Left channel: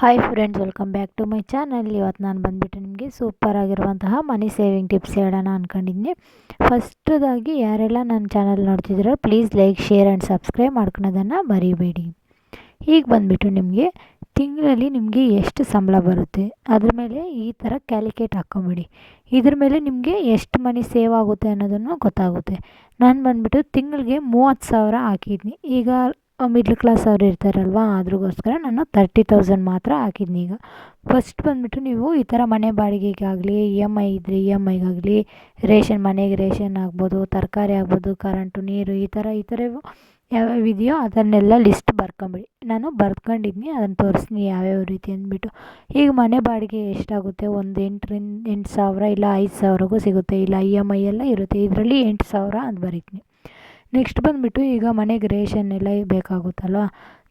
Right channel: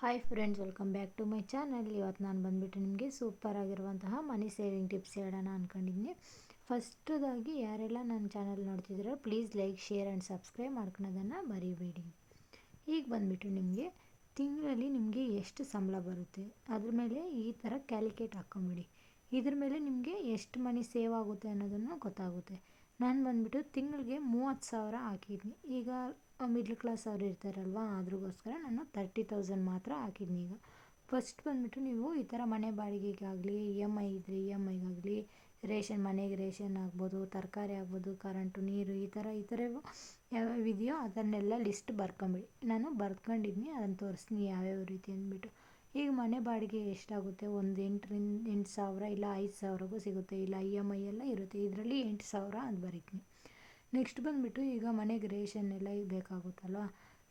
Hi friends, welcome back to my channel. ಇವತ್ತು ನಾನು ಬಂದುಬಿಟ್ಟು ನಿಮಗೆ ಸೂಪರ್ ಆಗಿರುವಂತಹ ಮನಿ ಸೇವಿಂಗ್ ಟಿಪ್ಸ್ ಹೇಳೋಣ ಅಂದ್ಕೊಂಡಿದ್ದೀನಿ. ಫಸ್ಟದಾಗಿ ಯಾರೆಲ್ಲ ನನ್ನ ಚಾನಲ್ ನೋಡ್ತಿದ್ದೀರೋ please like, share and subscribe ಮಾಡ್ಕೊಳೋದನ್ನು ಮರಿಬೇಡಿ. ಈಗ ಬಂದುಬಿಟ್ಟು ನಿಮಗೆ ತಿಂಗಳಲ್ಲಿ ನಿಮಗೆ ಎಷ್ಟು ಸಂಬಳ ಬರುತ್ತೆ ಅದ್ರ ಮೇಲೆ ಈ ಥರ ಕ್ಯಾಲ್ಕುಲೇಟ್ ಹಾಕ್ಕೊಂಬಿಡಿ. ಇದ್ರ ಮೇಲೆ ನಿಮಗೆ ಎಷ್ಟು ಮನಿ ಸೇವ್ ಆಗುತ್ತೆ ಅನ್ನೋದನ್ನು ಗೊತ್ತಾಗುತ್ತೆ. ನಾನು ಬಂದುಬಿಟ್ಟು ತಿಂಗಳಿಗೆ 30,000 ಹಾಕಿದ್ನಿ. ಈಗ ಮಿಡ್ಲ್ ಕ್ಲಾಸ್ ಅವ್ರು ಇರ್ತಾರಲ್ವ, ಅದ್ರಿಗೋಸ್ಕರ ನಾನು 30,000 ಮಾತ್ರ ಹಾಕಿದ್ನಿ. ಈಗ ಫಸ್ಟ್ ಬಂದುಬಿಟ್ಟು ನೀವು ಈ ಥರ ಮನೆ ಬಾಡಿಗೆಗಾಗಲಿ, ಇ ಎಮ್ ಐ ಇದ್ದರೆ ಇ ಎಮ್ ಐಗಾಗಲಿ, ರೇಷನ್ ಮನೆಗೆ ರೇಷನ್ ಆಗ್ಬೋದು, ತರಕಾರಿ ಆಗ್ಬೋದು, ಕರೆಂಟು, ನೀರು, ಈ ಥರ ಯಾವ್ಯಾವ ಇದೆಯೋ ಅದನ್ನೆಲ್ಲ ಲಿಸ್ಟ್ ಬರ್ಕೊಂಬಿಡಿ. ನಾನು ಬರ್ಕೊಂಡಿದ್ನಿ, ಅದನ್ನು ತೋರಿಸ್ತೀನಿ ಯಾವ್ಯಾವ ರೀತಿ ಅಂದ್ಬಿಟ್ಟು. ಈಗ ಮನೆ ಬಾಡಿಗೆ ಎಷ್ಟಾಗುತ್ತೆ, ಒಂದು 8,000 ಇಲ್ಲ 5,000ಗೂ ಸಿಗುತ್ತೆ, ಇಲ್ಲ ಇ ಎಮ್ ಐ ಎಲ್ಲ ಇರುತ್ತೆ. ಇದರಲ್ಲಿ 8,000 ಅಂತ ಬರೀತೀನಿ. ನೆಕ್ಸ್ಟ್ ಬಂದುಬಿಟ್ಟು ಈಗ ಮನೆಗೆ ರೇಷನ್ ಎಲ್ಲ ಬೇಕಾಗುತ್ತಲ್ವ,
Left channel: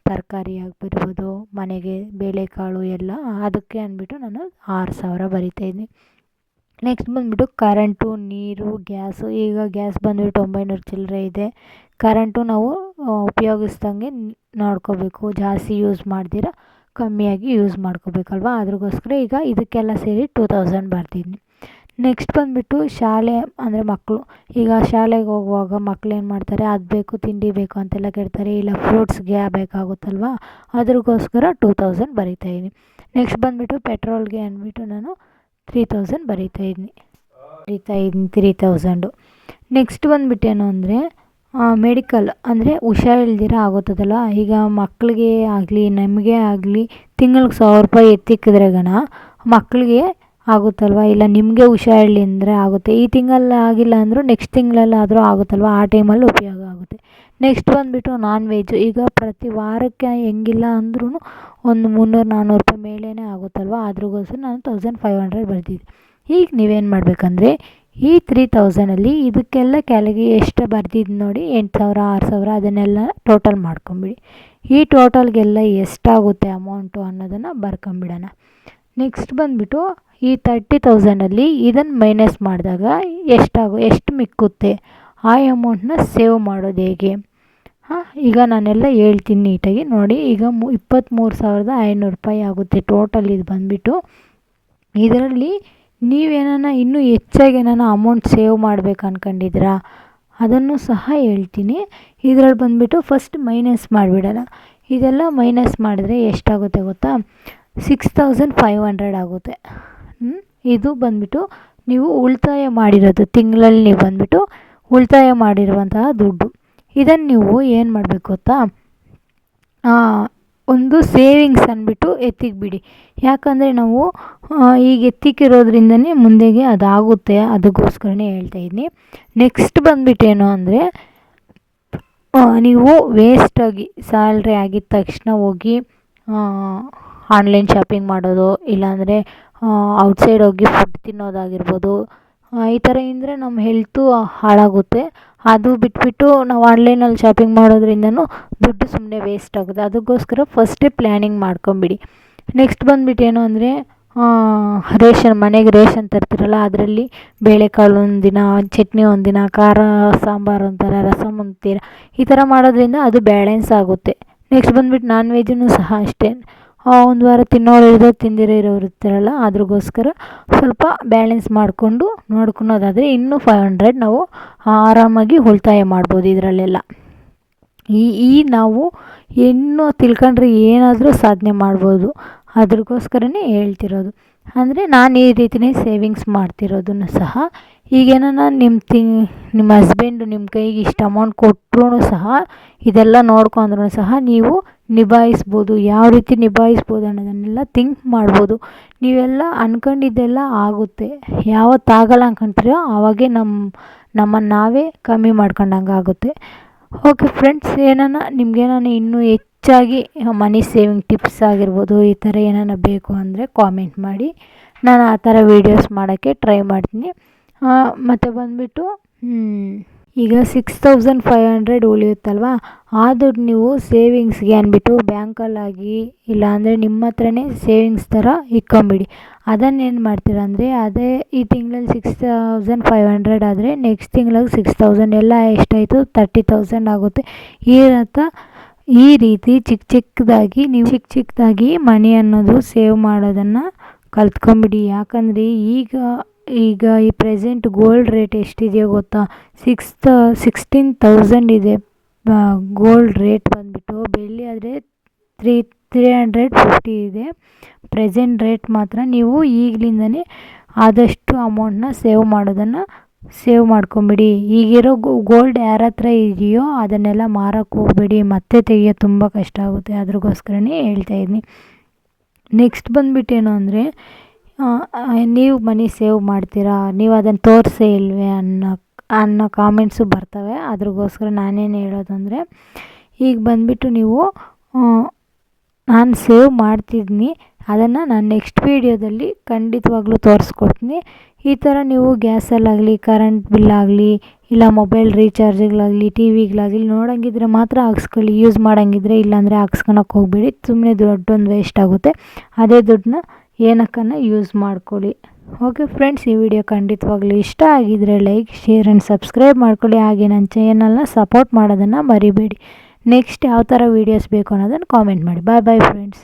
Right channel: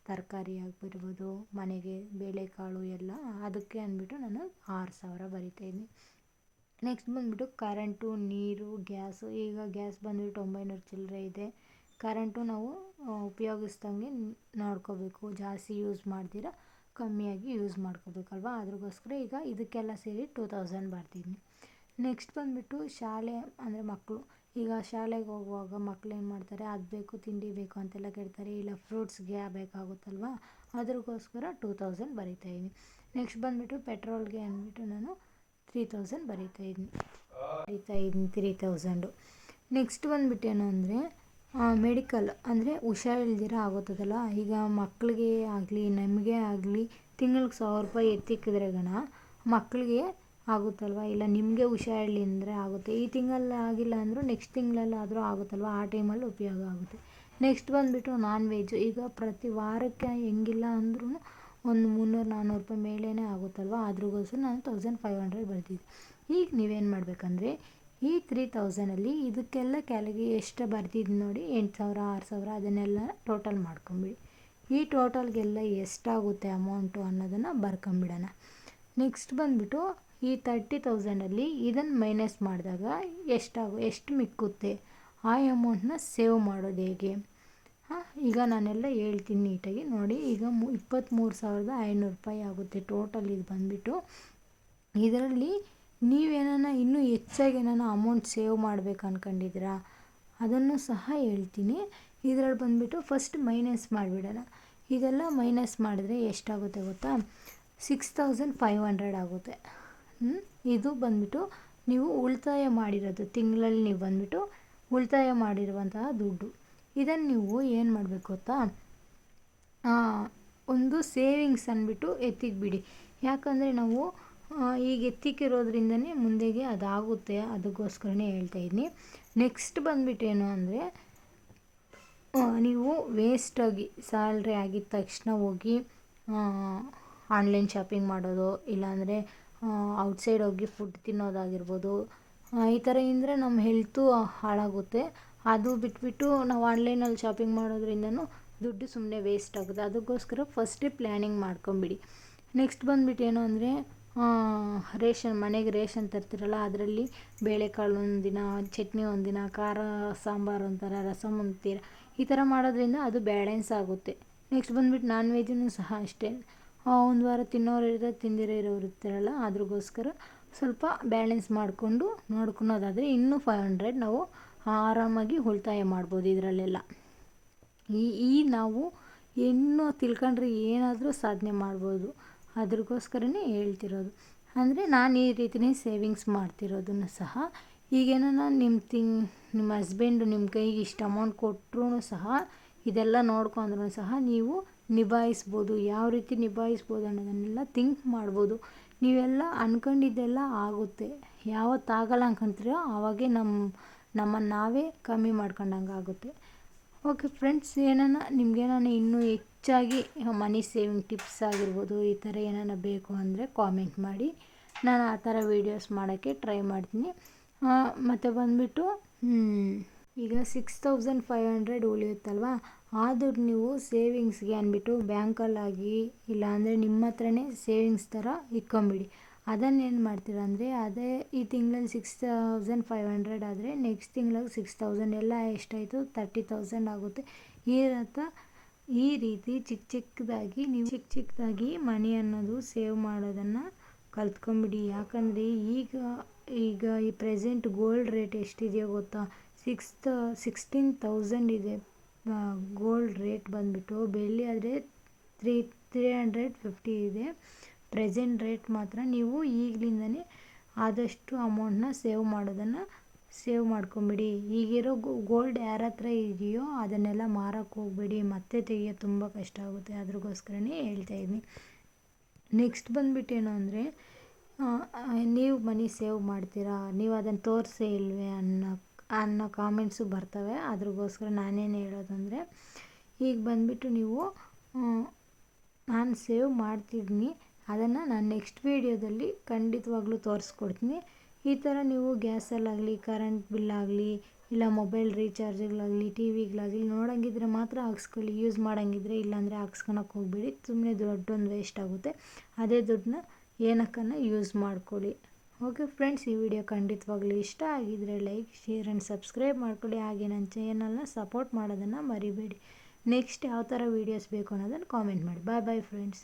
ತರಕಾರಿ ಆಗಿರ್ಬೋದು, ಮನೆಗೆ ಬೇಳೆಕಾಳು ಎಲ್ಲ, ಅದಕ್ಕೆ ಅಂದ್ಬಿಟ್ಟು ನಾನು 6,000 ಬರಿತಾಯಿದ್ನಿ. ನೆಕ್ಸ್ಟ್ ಬಂದುಬಿಟ್ಟು ಕರೆಂಟು, ನೀರು, ಗ್ಯಾಸು. ಈಗ ಗ್ಯಾಸ್ ಬಂದುಬಿಟ್ಟು 900 ಚಿಲ್ಲರೆ ಇದೆ. ಕರೆಂಟು ನಾವು ಉಪಯೋಗಿಸ್ದಂಗೆ ನೋಡ್ಕೋಬೇಕು, ಜಾಸ್ತಿ ಯೂಸ್ ಮಾಡ್ದಿರ ಕಮ್ಮಿಯಾಗಿ ಯೂಸ್ ಮಾಡ್ಕೋಬೇಕಲ್ವ, ಅದ್ರಿಗೋಸ್ಕರ ಈಗ ಇದಕ್ಕೆಲ್ಲ ಸೇರಿ 2,000 ಬರ್ತಿದ್ನಿ. ನೆಕ್ಸ್ಟ್ ಬಂದುಬಿಟ್ಟು ಶಾಲೆ ಅಂದರೆ ಮಕ್ಕಳು. ಈಗ ಶಾಲೆಗೆ ಹೋಗುವಾಗ ಮಕ್ಳು ಏನು ಮಾಡ್ತಾರೆ, ಅದು ಬೇಕು ತಿಂಡಿ ಬೇಕು ಅಂತೆಲ್ಲ ಕೇಳ್ತಾರೆ, ಇಲ್ಲ ಫ್ರೂಟ್ಸ್ಗೆ ಬೇಕಾಗುತ್ತಲ್ವ, ಅದ್ರಿಗೋಸ್ಕರ 2,000 ಬರಿತಾಯಿದ್ದೀನಿ. ನೆಕ್ಸ್ಟ್ ಬಂದುಬಿಟ್ಟು ಪೆಟ್ರೋಲ್ಗೆ ಅಂದ್ಬಿಟ್ಟು ನಾನು 3,000 ಬರಿತಾಯಿದ್ನಿ 3,000. ನೆಕ್ಸ್ಟ್ ಬಂದುಬಿಟ್ಟೇನು ಅಂದರೆ ಮೆಡಿಕಲ್ ಅಂದರೆ ಹುಷಾರಿಲ್ದಿರ ಆಗುತ್ತದಲ್ಲ, ಈಗ ಮಕ್ಕಳಿಗೆ ಆಗಲಿ ನಮಗೆ ಆಗಲಿ ತಿಂಗಳಿಗೆ 1,000 ರೂಪಾಯಿ ಎತ್ತಿಕ್ಕಿದ್ರೆ ಮಕ್ಕಳಿಗೆ ಆಗುತ್ತಲ್ವ, ಇಲ್ಲ ನಿಮಗೆ ಹುಷಾರಿಲ್ಲ ಅಂದರೆ ಆಗುತ್ತೆ. ಈ ತಿಂಗಳಲ್ಲಿ ಆಗಿಲ್ಲ ಅಂದರೂ ನೆಕ್ಸ್ಟ್ ತಿಂಗಳಲ್ಲಾದರೂ ಆಗುತ್ತಲ್ವ, ಆ ಟೈಮಲ್ಲಿ ಉಪಯೋಗ ಆಗುತ್ತೆ. ನೆಕ್ಸ್ಟ್ ಬಂದುಬಿಟ್ಟು ನಾನ್ ವೆಜ್ಜು. ಈಗ ಪ್ರತಿ ವಾರಕ್ಕೆ ಹೆಂಗಿಲ್ಲ ಅಂದ್ರೂ ಒಂದು 300-400 ರೂಪಾಯಿ ಮೇಲೇ ಆಗುತ್ತಲ್ವ, ಅದ್ರಿಗೋಸ್ಕರ ನಾನು 1,500 ಬರ್ತಿದ್ದೆ. ಈಗ ನೀವೇನು ಮಾಡಬೇಕಂದ್ರೆ ಈ 3,000ಅಲ್ಲಿ ಇದಕ್ಕೆಲ್ಲ ಕೆಳಗೆ ಎಷ್ಟು ಬರ್ತಿದ್ದು ನೋಡಿ, 8,000 6,000 ಅದನ್ನೆಲ್ಲ ಟೋಟಲ್ ಮಾಡ್ಕೊಂಬಿಡಿ. ಈ ಟೋಟಲ್ಗೆಲ್ಲ ಎಷ್ಟಾಗುತ್ತೆ ಅಮೌಂಟು ಅನ್ನೋದನ್ನು ಬರ್ಕೊಂಬಿಡೋಣ. ನೆಕ್ಸ್ಟ್ ಬಂದುಬಿಟ್ಟು ಈ 30,000ಅಲ್ಲಿ ಇದನ್ನು ಮೈನಸ್ ಮಾಡಿದಾಗ ಎಷ್ಟು ಮಿಕ್ಕುತ್ತೆ, ಆ ಅಮೌಂಟನ್ನ ಸೇವ್ ಮಾಡೋದು ಹೇಗೆ ಈಗ ನಾನೆಲ್ಲ ಹೇಳ್ತೀನಿ ನೀಟಾಗಿ ನೋಡಿ. ಈಗ 23,500 ರೂಪಾಯಿ ಆಗುತ್ತೆ ಟೋಟಲ್. ಇದು ಬಂದುಬಿಟ್ಟು ಇದರಲ್ಲಿ ನೀವೇನ ಇನ್ನೂ ಹೆಚ್ಚಾಗಿ ಅಮೌಂಟ್ ಸೇವ್ ಮಾಡಬೇಕು ಅಂದ್ಕೊಂಡಿದ್ದೀರಾ ಅದನ್ನು ಸಹ ಹೇಳ್ತೀನಿ. ಇದರಲ್ಲಿ ಬಂದುಬಿಟ್ಟು ಫಸ್ಟ್ ಮೈನಸ್ ಮಾಡಿಬಿಡೋಣ. ಇದೆಲ್ಲ ಮೈನಸ್ ಮಾಡಿದ್ರೆ ಎಷ್ಟಾಗುತ್ತೆ ಗೊತ್ತಾ, 6,500 ಆಗುತ್ತೆ. ಇದು ಬಂದುಬಿಟ್ಟು ನೀವು ಉಳಿತಾಯ ಮಾಡಿರೋದು, ತಿಂಗಳಲ್ಲಿ ನೀವು ಬಂದುಬಿಟ್ಟು ಉಳಿತಾಯ ಮಾಡಿರುವಂತಹ ದುಡ್ಡು. ಇದನ್ನು ನೀವು ಏನು ಮಾಡಬೇಕು ಗೊತ್ತಾ, ಒಂದು ಸೇವಿಂಗ್ಸ್ ಅಂದ್ಬಿಟ್ಟು ಎತ್ತಿಕ್ಬಿಡಿ. ಯಾಕಂದರೆ ನಾವು ಈಗ ಎತ್ತಿಕ್ಕಿರೋದ್ರಿಂದನೇ ಮುಂದೆಗೆ ಅದಾಗುತ್ತೆ, ಅದಕ್ಕೋಸ್ಕರನೇ ಹೇಳ್ತಾಯಿದ್ದೀನಿ. ನೆಕ್ಸ್ಟ್ ಬಂದುಬಿಟ್ಟೇನು ಅಂದರೆ ನೀವು ವೇಸ್ಟಾಗಿ ಸ್ಯಾಲ್ರಿ ಆಗಿದ ತಕ್ಷಣ ಹೋಗಿ ಆನ್ಲೈನ್ ಶಾಪಿಂಗ್ ಮಾಡೋದು, ಇಲ್ಲಾಂದರೆ ಔಟ್ಸೈಡ್ ಹೋಗಿ ಫುಡ್ ತಿನ್ನೋದಾಗಿರ್ಬೋದು, ಈ ಥರ ಅಂದರೆ ನಮ್ಮ ಹೆಲ್ತು ಹಾಳಾಗುತ್ತೆ. ಅದು ಬಿಟ್ಬಿಟ್ಟು ನಾವು ಆನ್ಲೈನಲ್ಲಿ ಶಾಪಿಂಗ್ ಮಾಡೋದ್ರಿಂದನೂ ದುಡ್ಡು ಸುಮ್ಮನೆ ವೇಸ್ಟ್ ಆಗುತ್ತೆ. ಅದಕ್ಕೋಸ್ಕರ ಫಸ್ಟೇ ಪ್ಲ್ಯಾನಿಂಗ್ ಮಾಡ್ಕೊಂಬಿಡಿ. ನೆಕ್ಸ್ಟ್ ಬಂದುಬಿಟ್ಟು ಏನು ಅಂದರೆ ಮನೆಗೆ ರೇಷನ್ ತರ್ತಿರಲ್ಲ, ಅದರಲ್ಲಿ ಬೇಳೆಕಾಳು ಒಂದಿನ, ಚಟ್ನಿ ಒಂದಿನ, ಖಾರ ಸಾಂಬಾರು ಒಂಥರ, ರಸಮ್ ಒಂಥರ, ಈ ಥರ ಮಾಡೋದ್ರಿಂದ ಅದು ಬ್ಯಾಲೆನ್ಸ್ ಆಗುತ್ತೆ. ನೆಕ್ಸ್ಟ್ ಬಂದುಬಿಟ್ಟು ನಾನ್ ವೆಜ್ಜೂ ಸಹ ಅಷ್ಟೇ, ಒಂದು ವಾರ ತಿನ್ನೋರು ತಿಂದಿರೋರು ಇರ್ತಾರಲ್ಲ, ಅದ್ರಿಗೋಸ್ಕರ ಸ್ವಲ್ಪ ಬ್ಯಾಲೆನ್ಸ್ ಮಾಡಿಕೊಂಡು ನೋಡ್ಕೊಳೋದಾದರೆ ಇನ್ನೂ 500 ನಾವು ಆರಾಮಾಗಿ ಉಳಿತಾಯ ಮಾಡ್ಬೋದು ಇದರಲ್ಲೆಲ್ಲ. ನಾವು ಇನ್ನೂ ತಿಳ್ಕೊಂಡ್ರೆ ಏನಾದರೂ ಸಾಧನೆ ಮಾಡ್ಬೋದು, ಅದ್ರಿಗೋಸ್ಕರನೇ ಹೇಳ್ತಿರೋದು. ಅಂದರೆ ನಾನು ಈ ರೀತಿಯೇ ಸೇವಿಂಗ್ಸ್ ಮಾಡ್ತಿರೋದನ್ನು ಸಹ. ಈಗೇನ ನಿಮ್ಮ ಹಸ್ಬೆಂಡು ನಿಮ್ಮ ಕೈಗೆ ಇಷ್ಟು ಅಮೌಂಟ್ ಕೊಟ್ಟರೂ ಸಹ ಇದೆಲ್ಲ ನೋಡ್ಕೊಂಡ್ರೂ ಸಹ ನೀವು ನಿಭಾಯಿಸ್ಬೋದು. ಯಾವ ರೀತಿ ನಿಭಾಯಿಸ್ಬೋದು ಅನ್ನೋದನ್ನೆಲ್ಲ ಥಿಂಕ್ ಮಾಡ್ಬೋದು. ನೀವೆಲ್ಲ ಅಂದ್ಕೊಂಡಿದ್ದೆಲ್ಲ ಆಗುತ್ತೆ. ಯಾವತ್ತಾಗಲ್ಲ ಅಂದ್ಕೊಂತೀರೋ ಆವಾಗೇ ನಮ್ಮನ್ನು ನಾವೇ ಕಮ್ಮಿ ಮಾಡ್ಕೊಂಡಂಗೆ ಆಗುತ್ತೆ. ಓಕೆ ಫ್ರೆಂಡ್ಸ್, ನಿಮ್ಗೇನಾನ ಇನ್ನೂ ಹೆಚ್ಚಾಗಿ ಮನಿ ಸೇವಿಂಗ್ ಟಿಪ್ಸ್ ಆಗಿರ್ಬೋದು, ಈ ಥರ ಬೇಕು ಅಂದರೆ ಕಾಮೆಂಟ್ ಮಾಡಿ, ನಾನು ಆ ಥರ ವೀಡಿಯೋಸ್ ಮಾಡೋಕ್ಕೆ ಟ್ರೈ ಮಾಡ್ತೀನಿ. ಮತ್ತು ಬಂದುಬಿಟ್ಟು ಈಗ 6,500 ಉಳಿಯುತ್ತಲ್ವ, ಆ ದುಡ್ಡು ನೀವು ಸೇವಿಂಗ್ಸ್ಗೆ ಅಂದ್ಬಿಟ್ಟು ಬ್ಯಾಂಕಲ್ಲಾಗಿ ಇಲ್ಲಾಂದರೆ ನಿಮ್ಮ ಹತ್ರನೇ ಸೇವಿಂಗ್ಸ್ ಥರ ಇಟ್ಕೊಂಬಿಡಿ. ಅದನ್ನೇನು ಮಾಡ್ತೀರ ಅಂದರೆ ಅದೇ ಈ ತಿಂಗಳಲ್ಲಿ 6,500 ಆದರೆ ನೆಕ್ಸ್ಟ್ ತಿಂಗಳಿಗೆ 6,000 ಎಲ್ಲ ಎಷ್ಟಾಯಿತು 30,000 ಆಗುತ್ತೆ. ಈ ಈ ರೀತಿ ಚಿಕ್ಕ ಚಿಕ್ಕದಾಗಿ ಮನಿ ಅನ್ನೋದು ಸೇವ್ ಮಾಡೋದನ್ನು ಕಲ್ತ್ಕೊಂಬಿಡಿ. ಯಾಕಂದರೆ ಈಗ ಈ ಪ್ರೆಸೆಂಟ್ ಗೋಲ್ಡ್ ರೇಟ್ ಎಷ್ಟಿದೆಯೋ ಗೊತ್ತಾ? 16,000 ಇದೆ ಗೋಲ್ಡ್ ರೇಟ್ ಬಂದುಬಿಟ್ಟು. ಬೆಳ್ಳಿ ಆದರೆ 350 ಇದೆ ಪ್ರೆಸೆಂಟ್ ರೇಟ್ ಮಾತ್ರ. ನೀವು ಈಗಲಿಂದನೇ ಆದಷ್ಟು ಅಮೌಂಟನ್ನ ಸೇವ್ ಮಾಡ್ಕೊಂಬಿಡಿ. ಈಗಿರೋ ಗೋಲ್ಡ್ ಯಾರ ಹತ್ರ ಇದೆಯೋ ಅದನ್ನೆಲ್ಲ ಮಾರೋಕ್ಕೆ ಹೋಗಬೇಡಿ, ಮತ್ತೆ ತೆಗಿಯೋದು ತುಂಬ ಕಷ್ಟ ಆಗುತ್ತೆ. ಅದ್ರಗೋಸ್ಕರನೇ ಹೇಳ್ತಾಯಿದ್ದೀನಿ. ನೆಕ್ಸ್ಟ್ ಬಂದುಬಿಟ್ಟೇನು ಅಂದರೆ, ನೀವು ಮನಿ ಸೇವ್ ಮಾಡ್ತೀರಾ, ನೀವು ಅದನ್ನು ತೋರಿಸೇ ಇಲ್ವೇ ಅನ್ನೋ ಕಾಮೆಂಟ್ಸು ಬರ್ತವೆ. ಅದ್ರಗೋಸ್ಕರ ನಾನೇನು ಹೇಳೋದಂದರೆ, ಈಗ ಬಂದುಬಿಟ್ಟು ನೀವು ನಾನು ಸೇವ್ ಮಾಡ್ತಿದ್ದೀನಿ, ಅದನ್ನು ನಾನು ನೆಕ್ಸ್ಟ್ ವೀಡಿಯೋದಲ್ಲಿ ಖಂಡಿತವಾಗ್ಲೂ ತೋರಿಸ್ಕೊಡ್ತೀನಿ. ಈ ಥರ ನೀವು ಗ್ಯಾಸಲ್ಲಾಗಲಿ, ಕರೆಂಟ್ ಬಿಲ್ಲಾಗಲಿ, ಇಲ್ಲ ಮೊಬೈಲ್ ರೀಚಾರ್ಜ್ಗಳಾಗಲಿ, ಟಿ ವಿಗಳಾಗಲಿ ನೋಡೋಂಗಿದ್ರೆ ಮಾತ್ರ ಹಾಕ್ಸ್ಕೊಳ್ಳಿ. ಯೂಸ್ ಮಾಡೋಂಗಿದ್ರೆ ಇಲ್ಲಾಂದರೆ ಹಾಕ್ಸ್ಕೊಳಕ್ಕೆ ಹೋಗಬೇಡಿ. ಸುಮ್ಮನೆ ದುಡ್ಡೊಂದು ವೇಸ್ಟ್ ಆಗುತ್ತೆ. ಅದೇ ದುಡ್ಡನ್ನ ಏನಕ್ಕನ್ನ ಯೂಸ್ ಮಾಡ್ಕೊಳ್ಳಿ. ಓಕೆ ಫ್ರೆಂಡ್ಸ್, ಈ ವಿಡಿಯೋ ಖಂಡಿತವಾಗ್ಲೂ ಇಷ್ಟ ಆಗಿದ್ದರೆ ಲೈಕ್, ಶೇರ್ ಆ್ಯಂಡ್ ಸಬ್ಸ್ಕ್ರೈಬ್ ಮಾಡ್ಕೊಳ್ಳಿ. ಹಾಗೆ ನನ್ನ ಚಾನಲ್ನ ಸಪೋರ್ಟ್ ಮಾಡೋದನ್ನು ಮರಿಬೇಡಿ. ನೆಕ್ಸ್ಟ್ ಯಾವ ಥರ ವೀಡಿಯೋಸ್ ಬೇಕು ಅನ್ನೋದನ್ನು ಕಾಮೆಂಟ್ ಮಾಡಿ. Bye friends.